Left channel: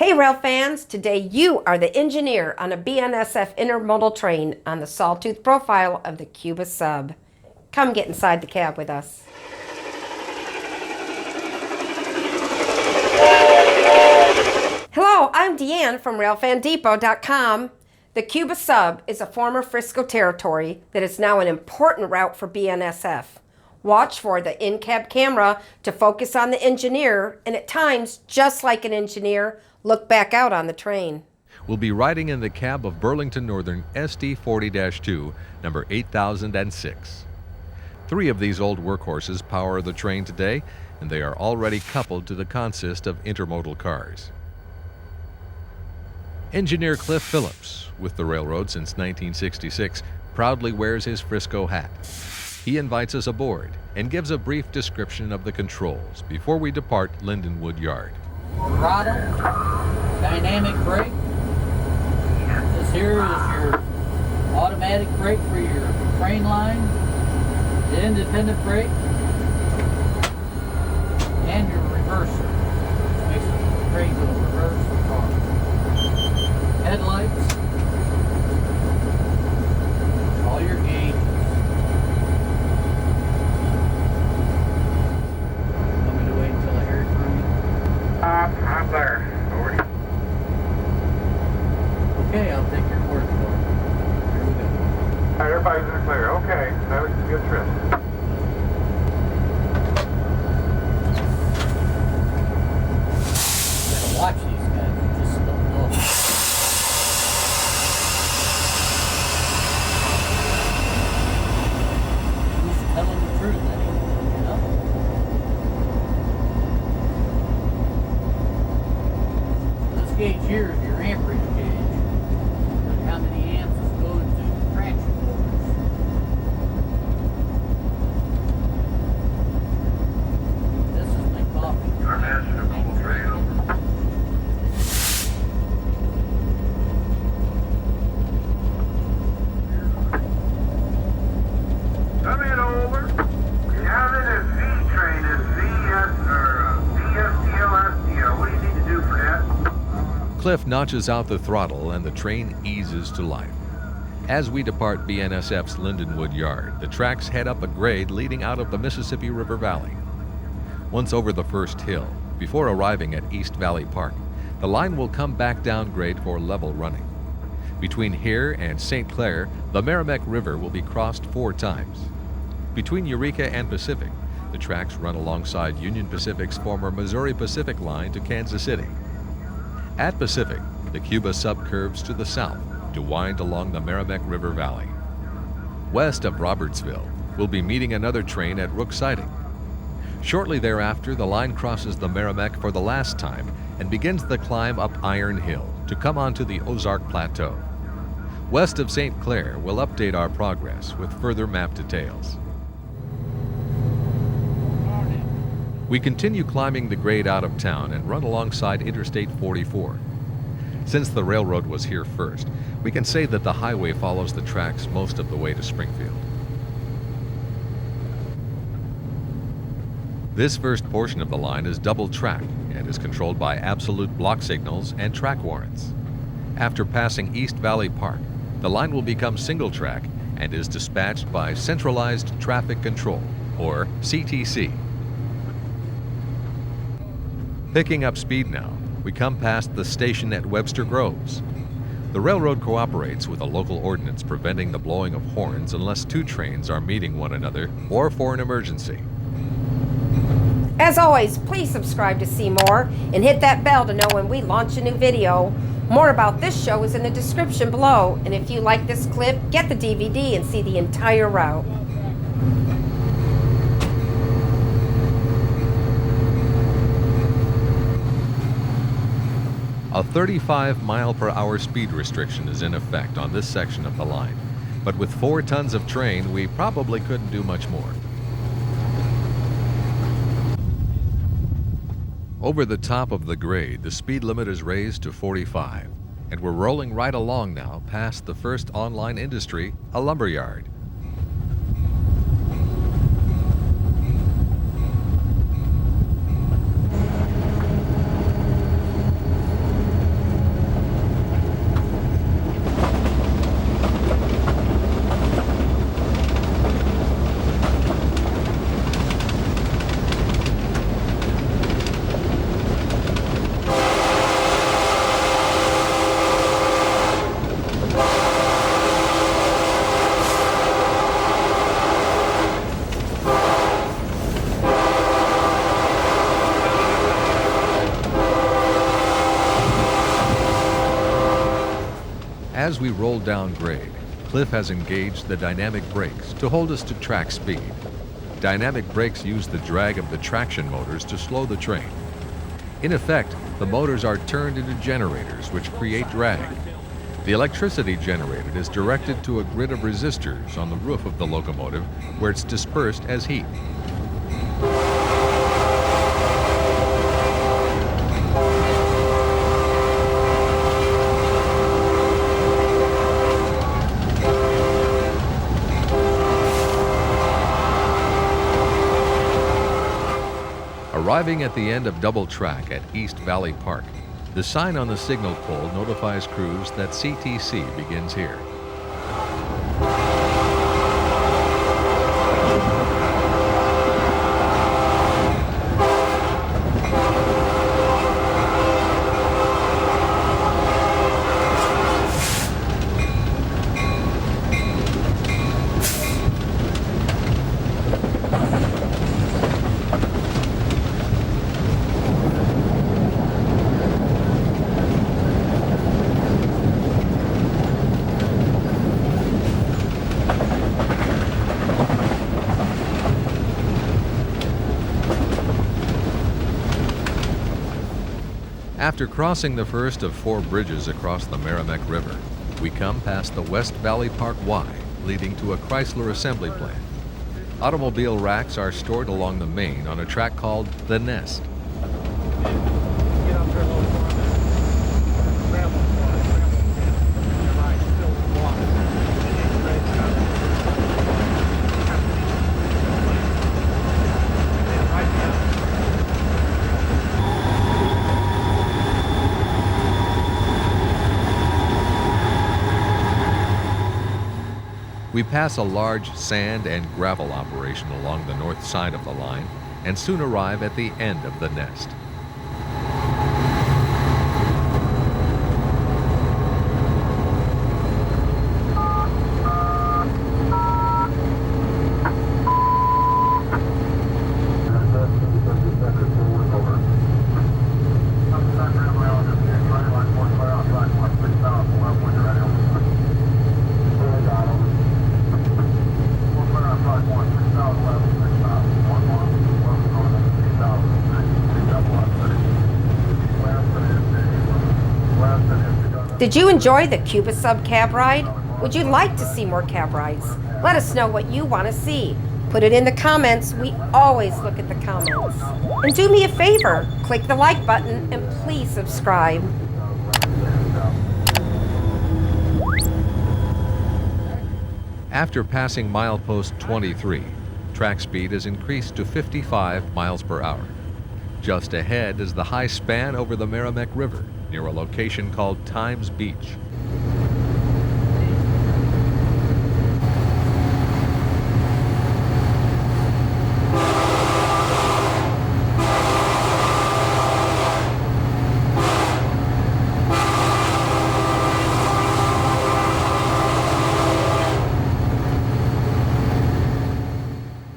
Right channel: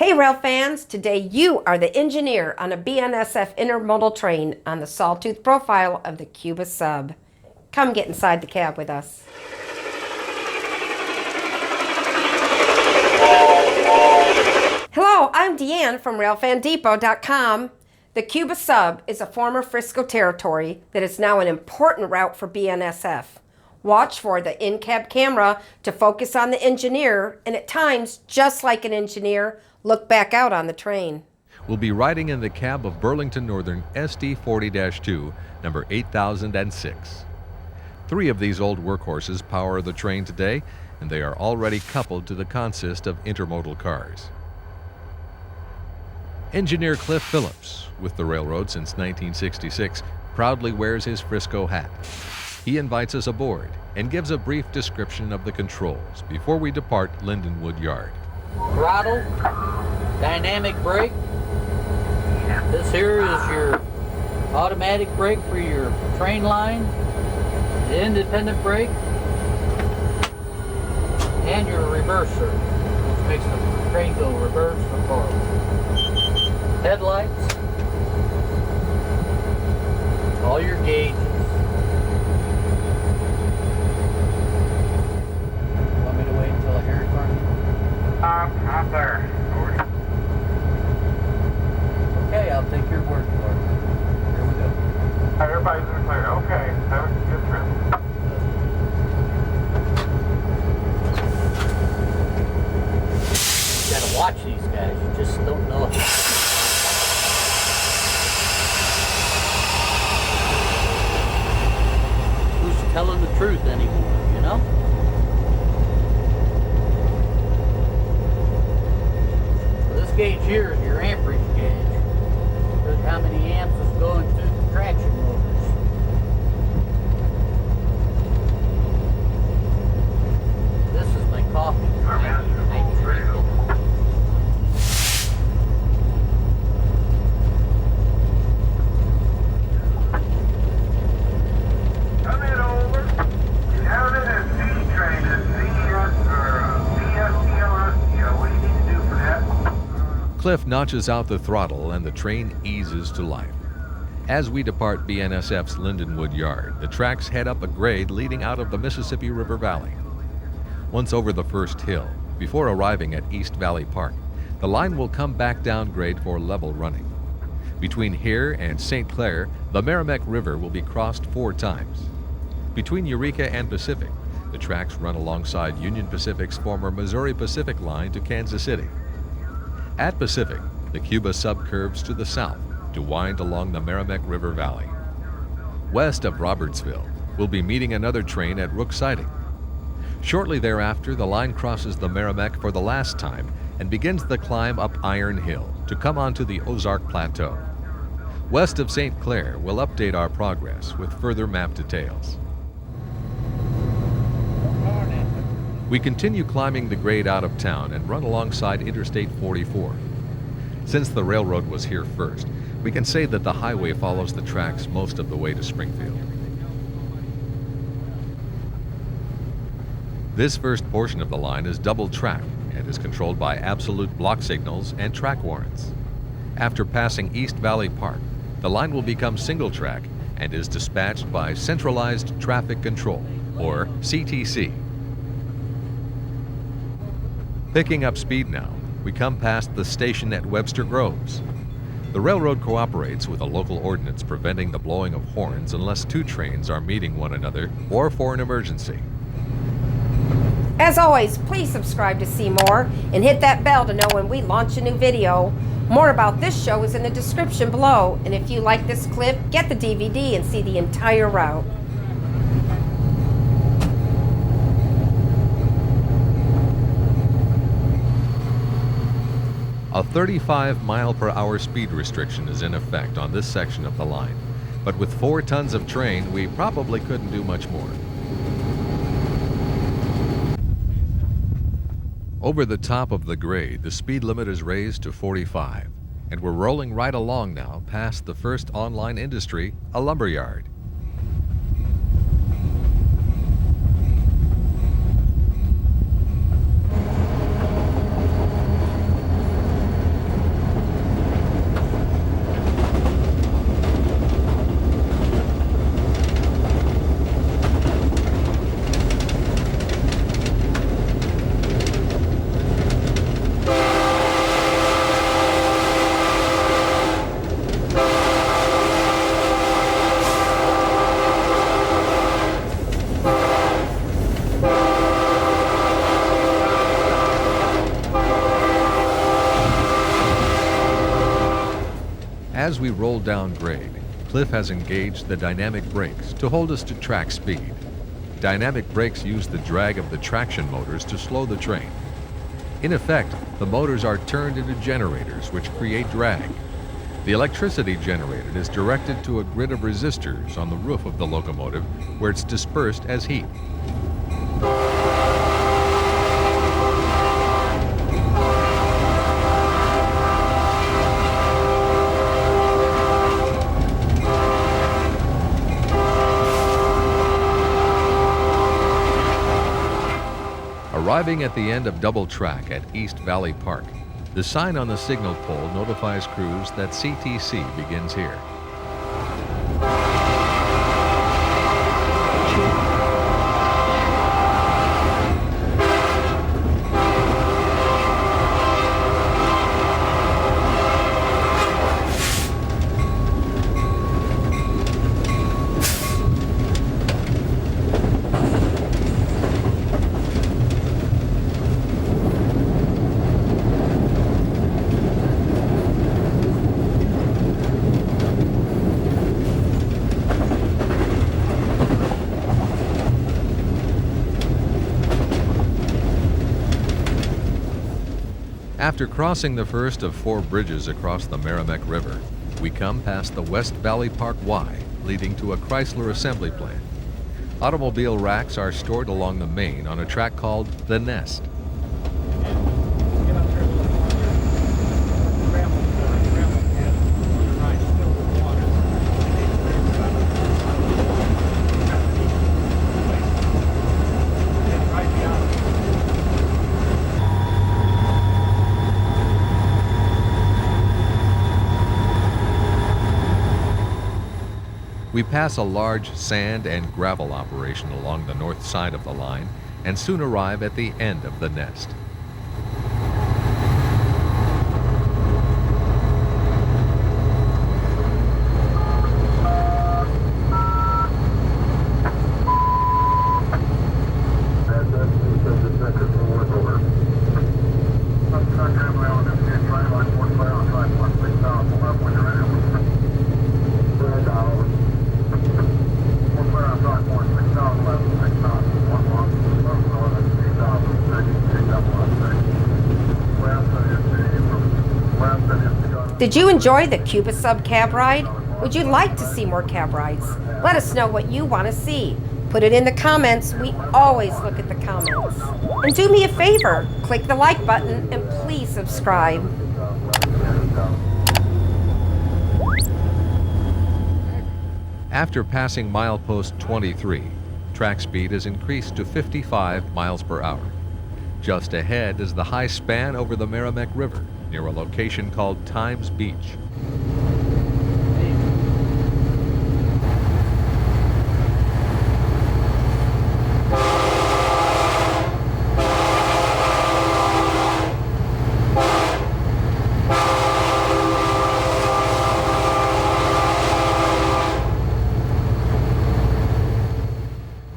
Hey rail fans, today you are the engineer on a BNSF intermodal train on the sawtooth profile of the Cuba Sub. Come get inside the cab with us. Hello, I'm Deanne from RailfanDepot.com. The Cuba Sub is a former Frisco territory that is now an important route for BNSF. Watch for the in-cab camera to focus on the engineer, and at times, just like an engineer, look back out on the train. We'll be riding in the cab of Burlington Northern SD40-2, number 8006. 3 of these old workhorses power the train today, and they are already coupled to the consist of intermodal cars. Engineer Cliff Phillips, with the railroad since 1966, proudly wears his Frisco hat. He invites us aboard and gives a brief description of the controls before we depart Lindenwood Yard. Throttle, dynamic brake. This here is your automatic brake for your train line, the independent brake, and your reverser, which makes the train go reverse or forward. Headlights, all your gauges. Want me to wait until I hear it from you? I'm there. Over. Okay, I'll take your word for it. Here we go. All right, everybody's in the clear. Okay, have a good trip. You gotta watch these guys, you just don't know it. Who's telling the truth anymore, you know? This gauge here is your amperage gauge. Look how many amps is going through the traction motors. This is my coffee. Come in over. Down in this Z train, this BNSF What do you need to do for that? Cliff notches out the throttle and the train eases to life. As we depart BNSF's Lindenwood Yard, the tracks head up a grade leading out of the Mississippi River Valley. Once over the first hill, before arriving at East Valley Park, the line will come back down grade for level running. Between here and St. Clair, the Merrimack River will be crossed 4 times. Between Eureka and Pacific, the tracks run alongside Union Pacific's former Missouri Pacific line to Kansas City. At Pacific, the Cuba Sub curves to the south to wind along the Merrimack River Valley. West of Robertsville, we'll be meeting another train at Rook Siding. Shortly thereafter, the line crosses the Merrimack for the last time and begins the climb up Iron Hill to come onto the Ozark Plateau. West of St. Clair, we'll update our progress with further map details. We continue climbing the grade out of town and run alongside Interstate 44. Since the railroad was here first, we can say that the highway follows the tracks most of the way to Springfield. This first portion of the line is double track and is controlled by absolute block signals and track warrants. After passing East Valley Park, the line will become single track and is dispatched by Centralized Traffic Control, or CTC. Picking up speed now, we come past the station at Webster Groves. The railroad cooperates with a local ordinance preventing the blowing of horns unless 2 trains are meeting one another or for an emergency. As always, please subscribe to see more and hit that bell to know when we launch a new video. More about this show is in the description below, and if you like this clip, get the DVD and see the entire route. A 35-mile-per-hour speed restriction is in effect on this section of the line, but with 4 tons of train, we probably couldn't do much more. Over the top of the grade, the speed limit is raised to 45, and we're rolling right along now past the first online industry, a lumber yard. As we roll down grade, Cliff has engaged the dynamic brakes to hold us to track speed. Dynamic brakes use the drag of the traction motors to slow the train. In effect, the motors are turned into generators which create drag. The electricity generated is directed to a grid of resistors on the roof of the locomotive where it's dispersed as heat. Arriving at the end of double track at East Valley Park, the sign on the signal pole notifies crews that CTC begins here. After crossing the first of 4 bridges across the Merrimack River, we come past the West Valley Park Y, leading to a Chrysler assembly plant. Automobile racks are stored along the main on a track called the Nest. Get up here a little farther. Gravel port, gravel pit. On the right, filled with water. And then straight down and right down. We pass a large sand and gravel operation along the north side of the line and soon arrive at the end of the Nest. Did you enjoy the Cuba Sub cab ride? Would you like to see more cab rides? Let us know what you want to see. Put it in the comments. We always look at the comments. And do me a favor, click the like button and please subscribe. After passing milepost 23, track speed is increased to 55 miles per hour. Just ahead is the high span over the Merrimack River, near a location called Times Beach.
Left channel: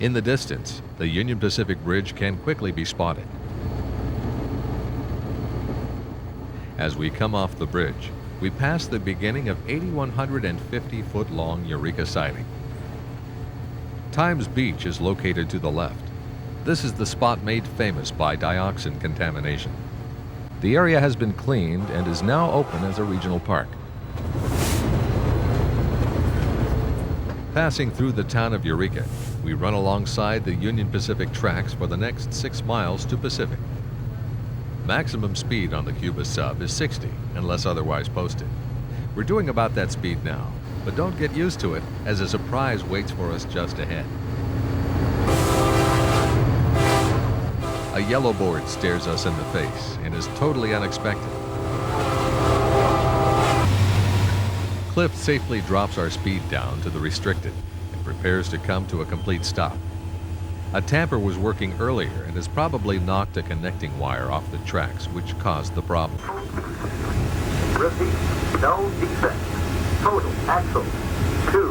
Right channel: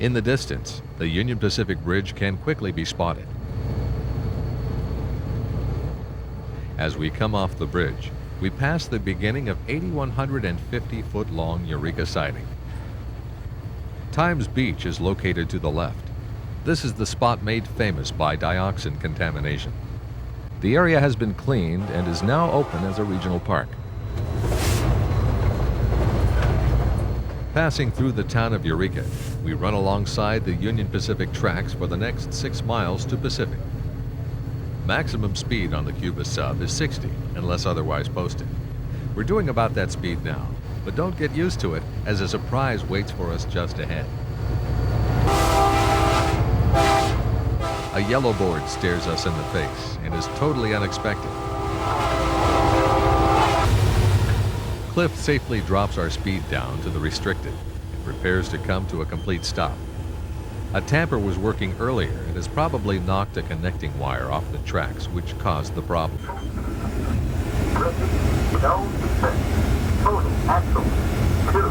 In the distance, the Union Pacific Bridge can quickly be spotted. As we come off the bridge, we pass the beginning of 8,150-foot-long Eureka Siding. Times Beach is located to the left. This is the spot made famous by dioxin contamination. The area has been cleaned and is now open as a regional park. Passing through the town of Eureka, we run alongside the Union Pacific tracks for the next 6 miles to Pacific. Maximum speed on the Cuba Sub is 60, unless otherwise posted. We're doing about that speed now, but don't get used to it, as a surprise waits for us just ahead. A yellow board stares us in the face and is totally unexpected. Cliff safely drops our speed down to the restricted and prepares to come to a complete stop. A tamper was working earlier and has probably knocked a connecting wire off the tracks, which caused the problem. Repeat, no defect. Total axle 2.